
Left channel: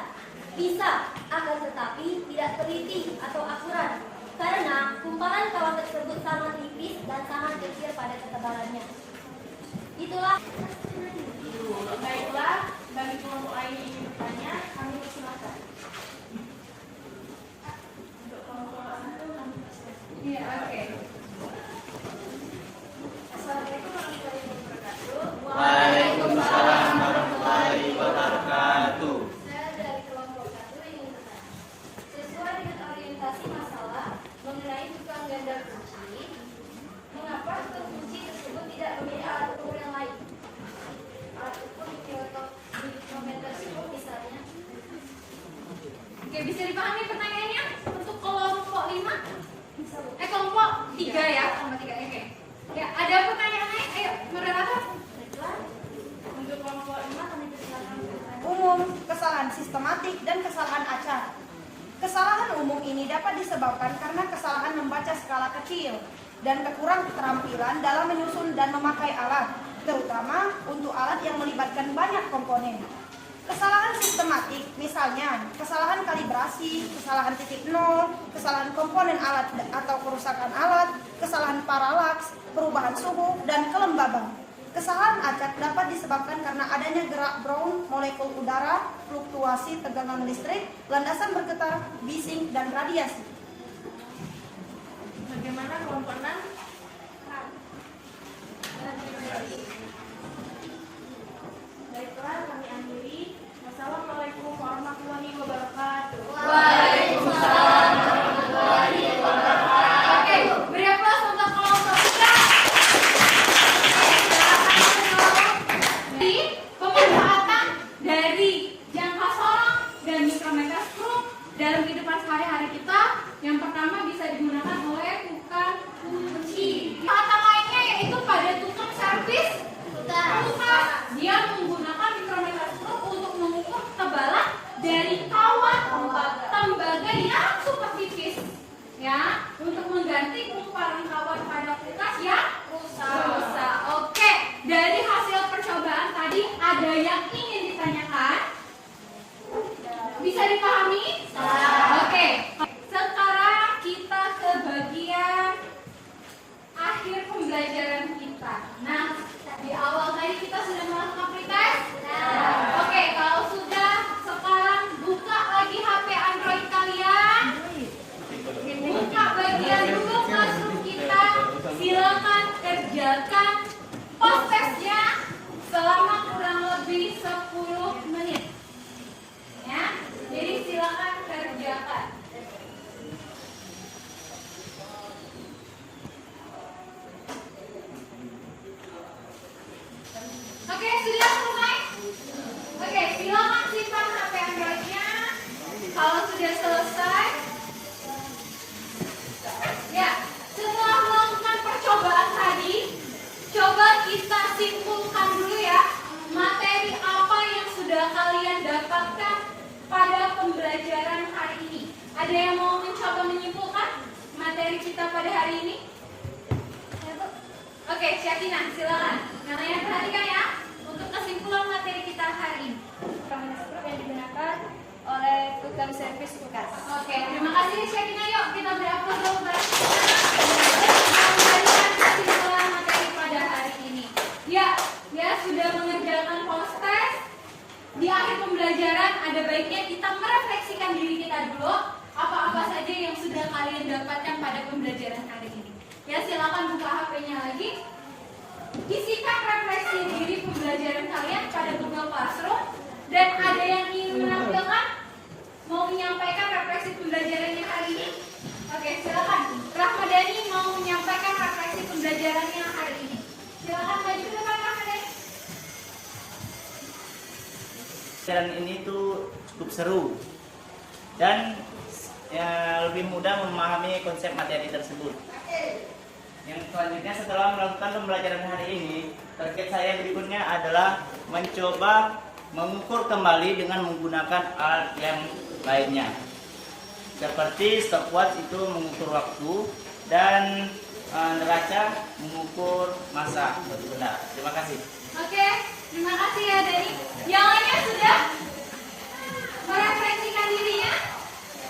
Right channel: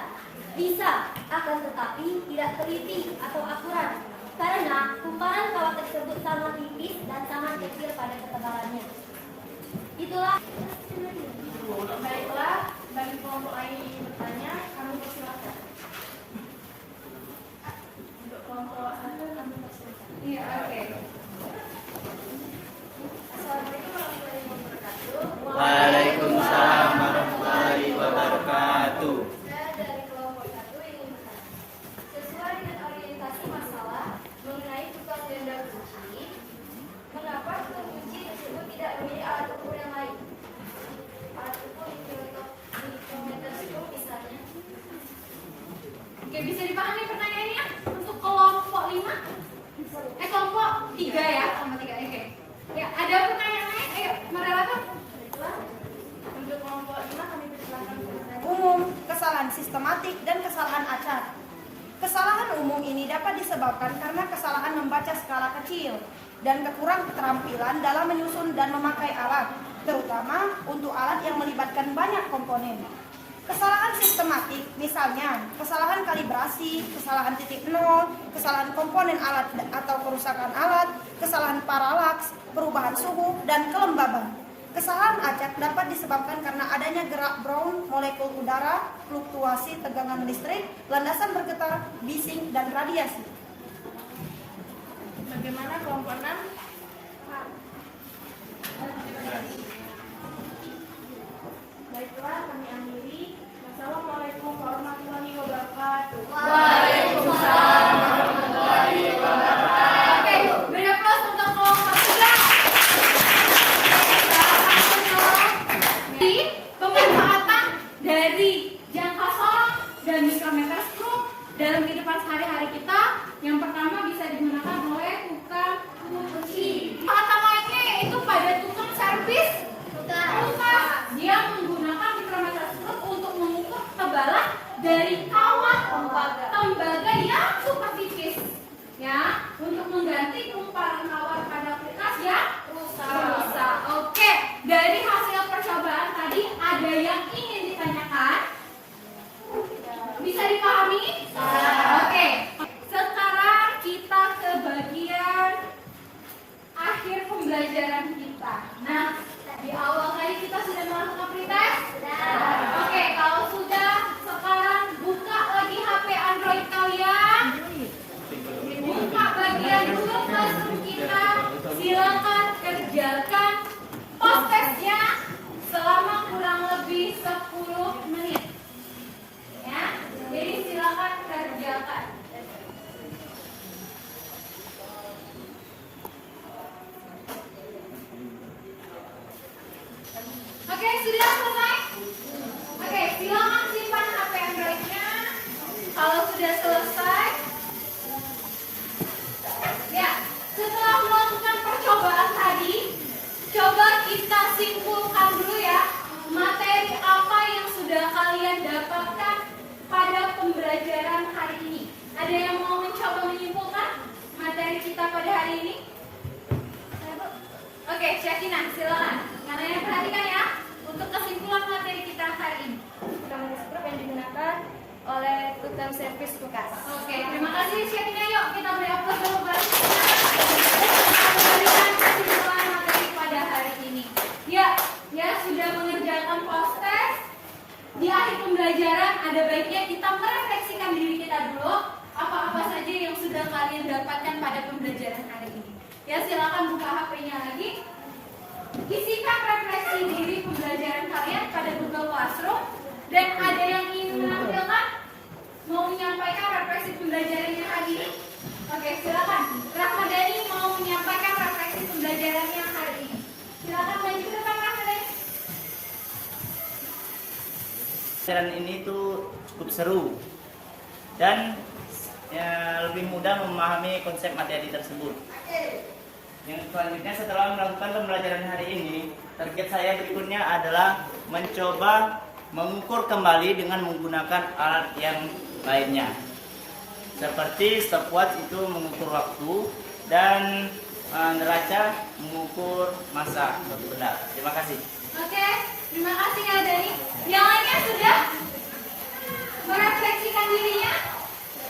Bisa, akan tetapi tidak teliti atau akurat. Karena kumparan kawat tersebut sangat tipis dan sangat kecil pada ketebalannya. Itulah. Baiklah, bagi kelompok lain yang ingin bertanya, kami persilakan. Untuk kelompok antum, kami persilakan. Iya, oke. Assalamualaikum warahmatullahi wabarakatuh. Waalaikumsalam warahmatullahi wabarakatuh. Saya dari kelompok 1 ingin bertanya. Sesuai dengan orientasi masalah mengenai tukang ganda kunci, mengapa tukang kunci tersebut tidak memilih alat ukur yang lain? Alat ukur mikrometer scope misalnya. Oke, bisa dipahami pertanyaannya untuk kelompok 5? Kelompok 3 ya, sama 3. Oke. Ya, ada pertanyaan lain? Ayo, moderator. Untuk kelompok 5 kami persilakan bertanya. Umum, kesalahan sistematik, dan kesalahan acak. Kesalahan umum ini dapat disebabkan karena kesalahan membaca skala kecil dan kekurang keterampilan dalam menyusun dan memakai alat, terutama untuk alat yang melibatkan banyak komponen. Kesalahan sistematik, misalnya kesalahan kalibrasi, kesalahan titik nol, kesalahan komponen alat atau kerusakan alat, kesalahan paralaks, perubahan suhu, dan kelembaban. Kesalahan acak dapat disebabkan karena adanya gerak Brown molekul udara, fluktuasi tegangan listrik, landasan bergetar, bising, dan radiasi. Bagaimana kelompok 6? Baiklah, kami akhiri. Wassalamualaikum warahmatullahi wabarakatuh. Waalaikumsalam warahmatullahi wabarakatuh. Oke, beri aplaus untuk kelompok 3. Jadi, pemanfaatan dari jangka sorong dan mikrometer stroke dalam kehidupan sehari-hari kita, yang pertama bisa digunakan oleh tukang kunci. Kata lainnya yaitu pada tukang servis. Dia menggunakan mikrometer stroke untuk mengukur ketebalan dari kawat tembaga yang super tipis, ya, untuk mengganti kumparan kawat pada kertas yang rusak. Oke, dari hasil percobaan tadi ada yang ingin ditanyakan? Bisa dipahami? Oke, sekarang kita ke bagian akhir pembelajaran kita. Nah, di awal tadi kita sudah melakukan pretest. Oke, kalau sudah, sekarang buka lagi HP Android kalian. Buka bagian Google Classroom kita. Silakan kerjakan post testnya selama kurang lebih 10 menit. Ya, jadi silakan kerjakan. Oke, sudah selesai? Oke, silakan simpan HP Android-nya. Kalau sudah selesai, ya, setelah melakukan percobaan tadi, coba kita simpulkan dulu ya, materi apa yang sudah kalian dapatkan pada pembelajaran hari ini. Ada yang mau mencoba menyimpulkan materi kita pada hari ini? Oke, Syakina, silakan. Yang lainnya perhatikan ya, untuk kesimpulan materi kita hari ini. Mikrometer scope yang digunakan oleh tukang servis kulkas. Oke, terima kasih Syakina. Yuk kita beri aplaus dulu bareng kita. Memberikan kesimpulan materi pada hari ini. Ya, sudah mengerjakan post test. Di akhir pembelajaran ada baiknya kita merefleksikan diri kita dulu. Apa-apa saja yang sudah kalian dapatkan pada pembelajaran hari ini. Ya, silakan buka HP-nya lagi. Isikan refleksi diri pembelajaran Dan ada yang ingin menampilkan? Mau menyampaikan refleksi pembelajarannya hari ini? Oke, silakan. Rahmadani mau menyampaikan refleksi pembelajarannya hari ini. Silakan maju ke depan, Rahmadani. Pelajaran ini tuh cukup seru dan lebih mudah memahami konsep materi tersebut. Yang selanjutnya setelah melakukan pembelajaran hari ini, target saya berikutnya adalah mencoba mengukur kembali dengan menggunakan alat yang lainnya. Seperti stopwatch itu mengukur waktu dan neraca mengukur massa suatu benda. Terima kasih. Oke, terima kasih ya Dani. Yang lainnya sudah merefleksikan dirinya?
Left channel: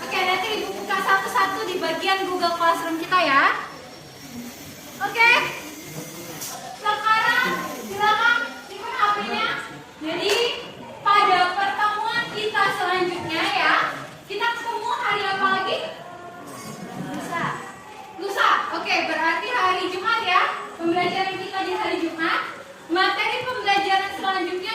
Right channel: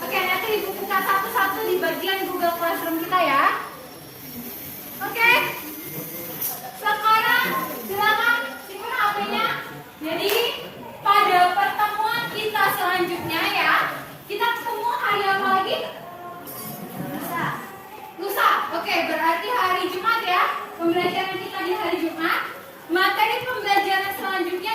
Oke, nanti Ibu buka satu-satu di bagian Google Classroom kita ya. Oke, sekarang silakan simpan HP-nya. Jadi pada pertemuan kita selanjutnya ya, kita ketemu hari apa lagi? Lusa. Oke, berarti hari Jumat ya. Pembelajaran kita di hari Jumat. Materi pembelajaran selanjutnya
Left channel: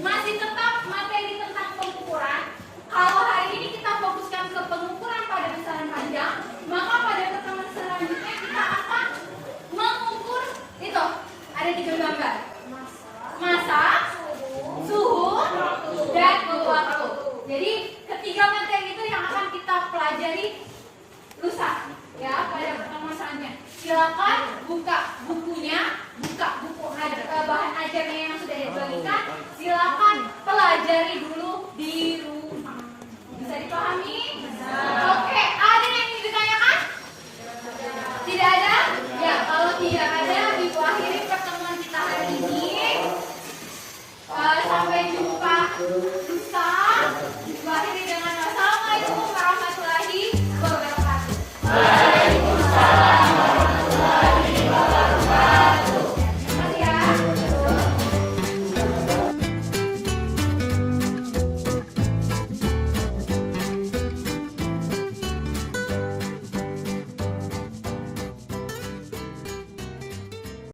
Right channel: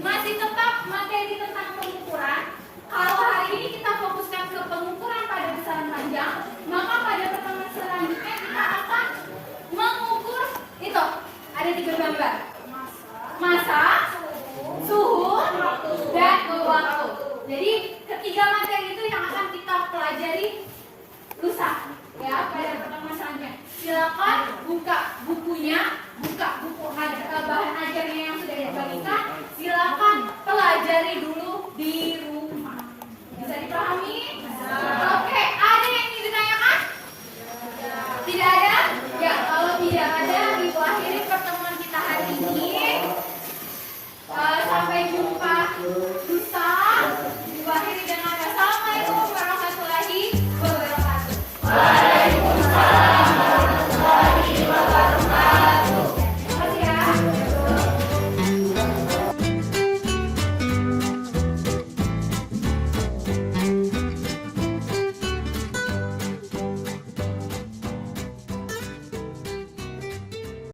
masih tetap materi tentang pengukuran. Kalau hari ini kita fokuskan ke pengukuran pada besaran panjang, maka pada pertemuan selanjutnya kita akan mengukur itu. Ada 3 gambar. Massa, suhu, dan waktu. Jadi ketiga materi itu yang akan kita pelajari lusa ya pada pertemuan selanjutnya. Silakan buka bukunya.